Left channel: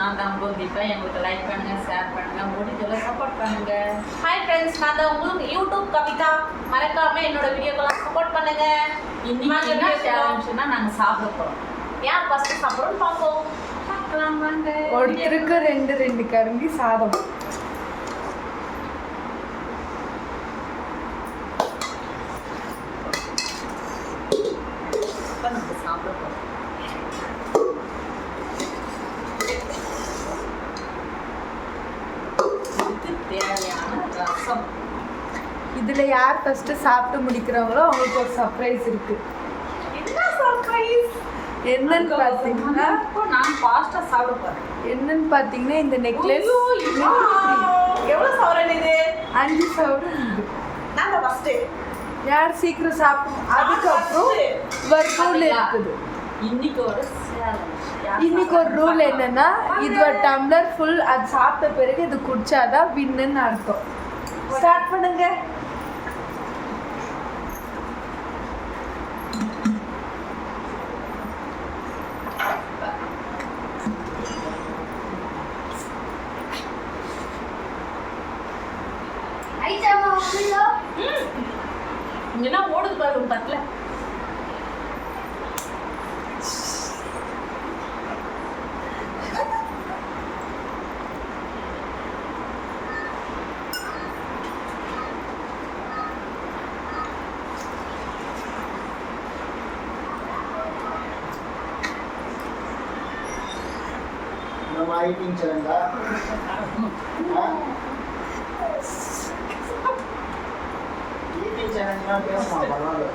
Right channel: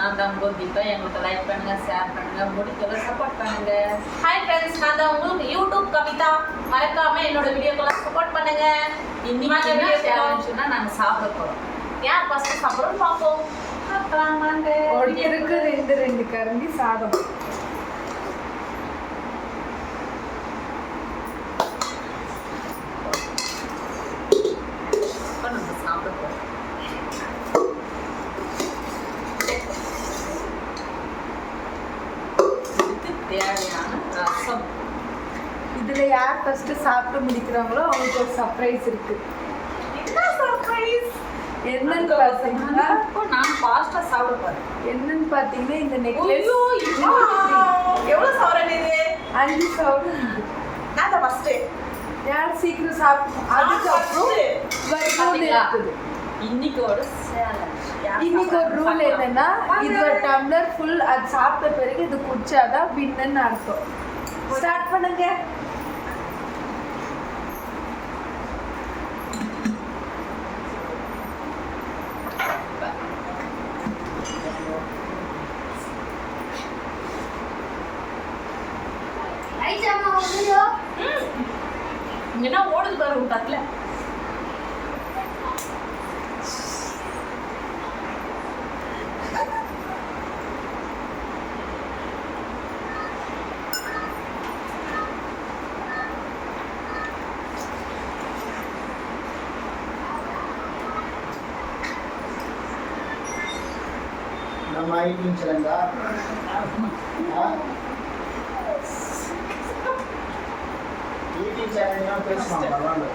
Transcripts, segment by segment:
நான் தான் கோபிப்பா. எங்களுக்கு லைக் பண்ணுங்க, ஷேர் பண்ணுங்க, முடிஞ்சவரை சப்போர்ட் பண்ணுங்க. ஹாய் ஃப்ரெண்ட்ஸ், நான் தான் உங்களுக்கு யூடியூப் கவிதா. மறக்காம என்னோட வீடியோக்கெல்லாம் சப்போர்ட் பண்ணுங்க. இன்னைக்கு என்ன சேலஞ்சுன்னா நாங்கள் சாப்பிட போகிறோம். யார் ஃபர்ஸ்ட் சாப்பிட்றோம்னு பார்ப்போம். பார்க்கலாம் வாங்க. ஒருத்தருக்கு ரெண்டு கரண்டி சாதம். இப்போ நம்ம சாப்பிட போகிறோம். இதுக்கு தேவையான ரசம். இதுல யார் ஃபர்ஸ்ட் சாப்பிட்டு முடிக்கிறாங்களோ அவங்களுக்கு ஒரு சர்ப்ரைஸ் இருக்கு. என்ன சர்ப்ரைஸ்? என்னன்னு பாத்தீங்கன்னா இப்போ நான் ஃபாஸ்ட்டாக சாப்பிட போகிறேன். இந்த நெக்லஸ் எவ்வளவு சவரன் இது? 5 சவரன். நான் தான் ஃபர்ஸ்ட். யார் சீக்கிரம் சாப்பிடும் அதுக்கப்புறம் வர்க்கோல் இருக்குது. இன்னைக்கு ஒரு சேலஞ்ச். இன்னைக்கு ஒரு ரூல் என்னன்னா, இது ஒரு டம்ளர் ஃபுல் அது சாப்பிட்ட பிறகு இது குடிச்சாதான் வின்னுன்னு அர்த்தம். ஸ்டார்ட் பண்ணுங்க. என்ன ஓடுது பாரு ஒரு தட்டுல. நம்ம ஐடிங் சொல்லுங்க. ஈட்டிங் சேலஞ்சுனா பேசலாம் பரவாயில்ல.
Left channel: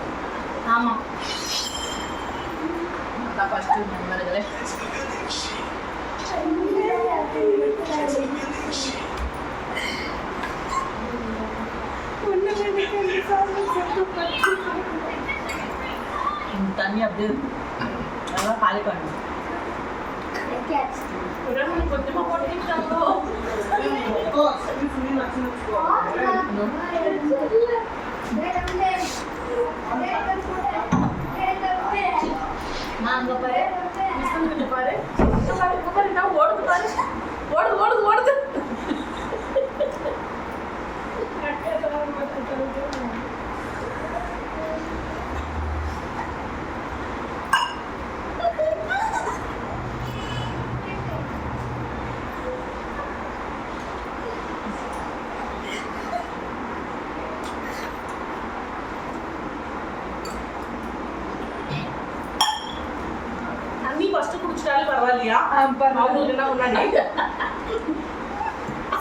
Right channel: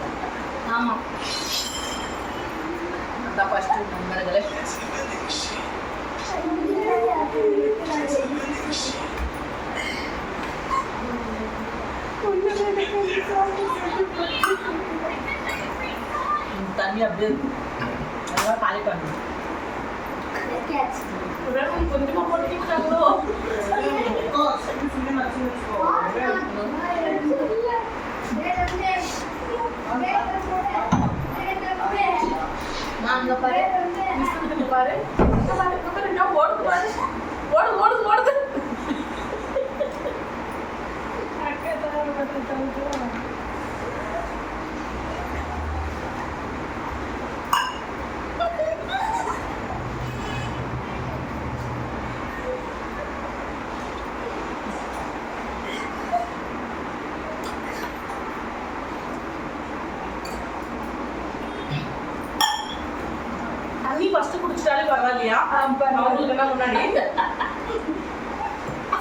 ஆமா, அதான் ஃபர்ஸ்ட் நண்பர்களே. இந்த தண்ணி அப்படியே நல்லா காலி பண்ணணும். கொஞ்சமா போட்டுக்கிட்டாங்களோ. நான் அங்கே பாரு, மிஸ்கிட்ட பாரு, இங்க பாரு என்ன ஓடுது பாரு. ஓடுது. தண்ணி ஃபர்ஸ்ட் குடிச்சிட்டாலே பரவாயில்லையா? அவங்களுக்கு என்ன முன்னாடி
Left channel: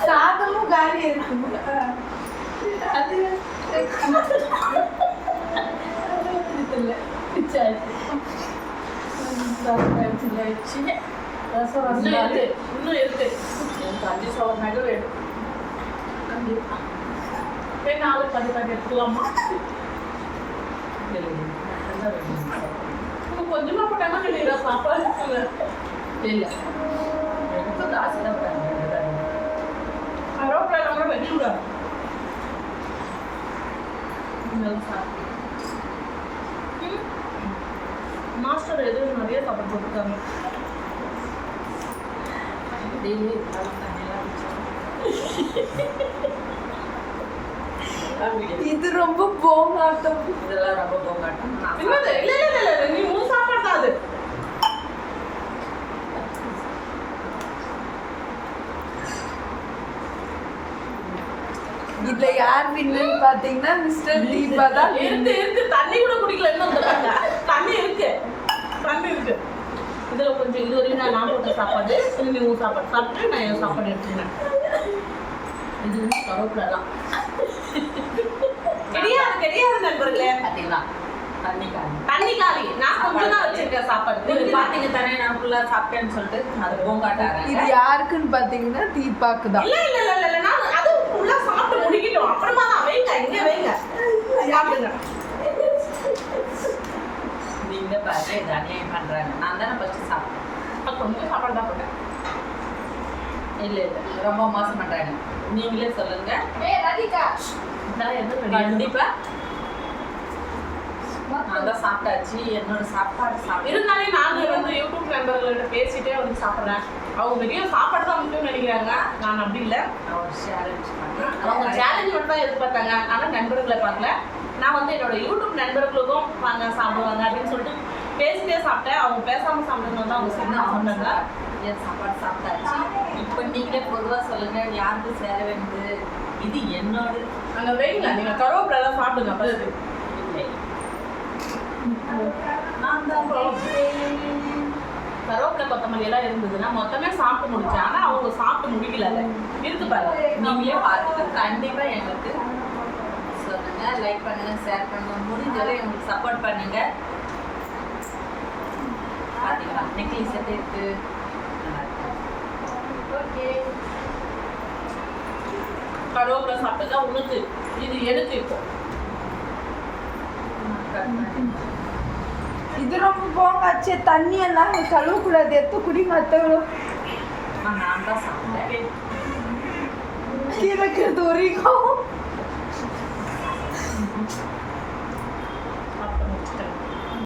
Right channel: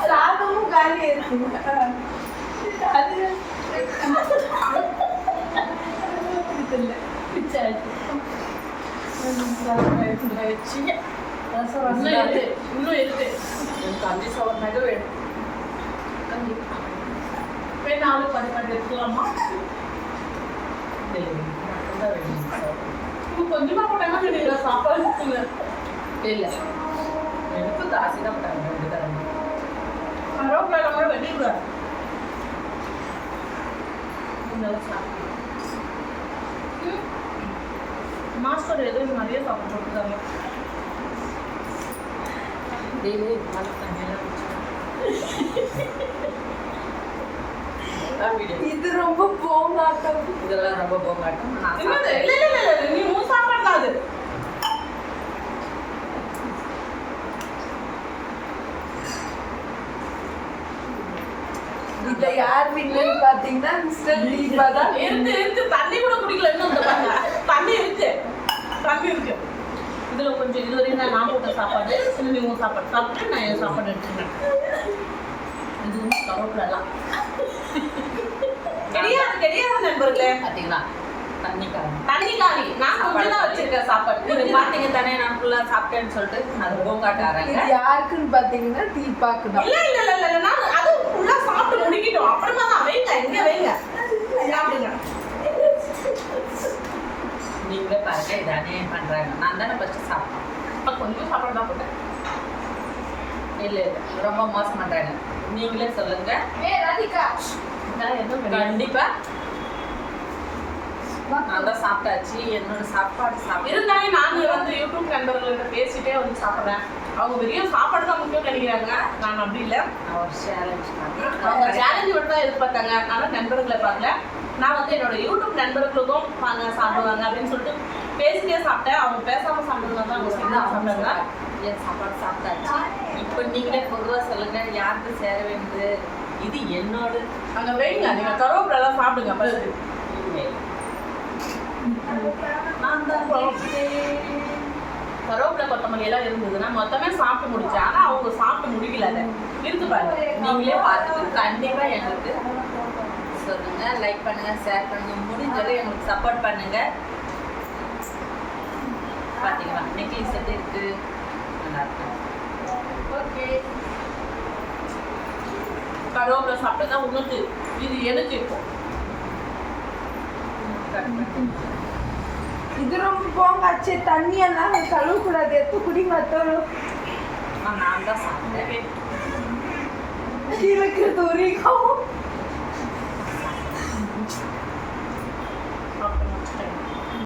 சாதமும் காலி இருக்கு. அது இல்லை பிச்சாச்சு. ரசம் இன்னும் இருக்கு. எனக்கு 5 சவரனாக வேணும். போய் 4 10 எடுத்துக்கலாமா? கொஞ்சமா போட்டாங்க வேணும் சாப்பாடு. இல்லை எனக்கு காசு தான் போட்டாங்க. கருவேப்பிலை கூட வெட்டிவிடாது. மாஸ்டர் ஏதோ நிறைய சாப்பாடு போட்டுருக்காங்க. இது ரொம்ப போமாட்டம். இதெல்லாம் ரொம்ப போகாட்டும். இல்ல நீ மூணு சாப்பாடு தான் அது. இதுல யார் வின்னு பாத்தீங்கன்னா மிஸ்டர் தீபா தான். இருக்கு தண்ணி கூட குடிக்கல. இன்னும் தண்ணி இருக்கு. இதுல கொஞ்சம் இதுவரையும் நான் போட்ட சாப்பாடு, நீ உன் சாப்பாடு சாப்பிட்டு நான் என் சாப்பாடு எடுத்துக்கிறேன். இது வந்து கருவேப்பிலாம் கிடையாது நண்பர்களே. பார்த்தீங்களா? தண்ணி காலி. நான் கொஞ்சம் தான் வச்சிருக்கேன் சாப்பாடு. இது பார்த்தீங்க தானே, நான் ஃபுல்லாக சாப்பிட்டேன்னு சொல்லிட்டு அது போங்காட்டாரேன். இது யாருக்குன்னு பாத்தீங்கன்னா தீபாக்கு தான். இல்ல நான் அது ஃபுல்லா சாப்பிட்டு முடிக்கிட்டோம். அப்புறமா தான் வைங்க சாப்பிடுங்க. நீங்க பாருங்க, இது அநியாயம் பண்றாங்க. நான் தானே ஃபர்ஸ்ட் சாப்பிட்டேன். கொஞ்சம் சாப்பாடு தான் போட்டேன். இல்லை ரொம்ப மோசம் பண்றாங்க. நீங்களே சொல்லுங்க. கண்டிப்பா நான் தான் சாப்பிட்டாச்சு. என்னோட சாப்பாடு சாப்பிட்டு இருந்தாலும் நாங்க வந்து யூடியூப் நண்பர்கள்ட்ட பேசிட்டே வந்து சாப்பிட்றேன். அவங்க வெறும் சாப்பாடு தான் முக்கியம்னு நினைக்கிறாங்க. நான் அப்படி இல்லை. ஒரு சேலஞ்ச் பண்ணி அவங்க சேலஞ்ச் மட்டும் தான் எதிர்பார்த்தாங்க. ஆனால் நண்பர்களை பார்க்கல. நான் வந்து என்னோட யூடியூப் நண்பர்களுக்கும் வாங்க சாப்பிடுவாங்க அப்படின்னு சொல்லிட்டு பேசிட்டே சாப்பிட்டேன். அவங்க பேசாமல் சாப்பிடுறது தான் அவங்க சொன்னா சாப்பிட்டாங்க. என் சாப்பாடு சாப்பிட்டாச்சு. இப்போ நீங்களே பொதுவாக சொல்லுங்க, யாருக்கு சேர வேண்டியது? இது என்னோட அங்கே வெயிங்க, நீங்கள் கருவேப்பிலாம் சாப்பிடுங்க ஃபர்ஸ்ட். நான் தான் கருவேப்பிலை கொத்தமல்லி எல்லாம் இருந்ததுன்னா மொத்தமே சாப்பிட்டு முடிச்சேன். ஆனால் அவங்க சாப்பிட்டு முடிக்கல. அதை இருக்கு பாருங்க. நீங்களே பார்த்துட்டு கண்டிப்பாக எங்களுக்கு சொல்லுங்க, லைக் பண்ணுங்க, ஷேர் பண்ணுங்க, முடிஞ்சளவு எங்களுக்கு சப்போர்ட் பண்ணுங்க. பார்த்தீங்களா நெக்லஸ் எப்படி இருக்கு? நல்லா இருக்கு. ஓகே, கருவேப்பிலை சாப்பிட்டு தான் உணர்த்து. இது எனக்கு இருக்கும். இது ரொம்ப போங்க அச்சே, தண்ணியெல்லாம் கழுவக்கூடாது, எடுத்து குடிங்க அத்தவளும். நான் தான் சாப்பிட்டேன். இருக்கிறது வரைக்கும் சாப்பிட்டு முடிச்சிட்டேன்.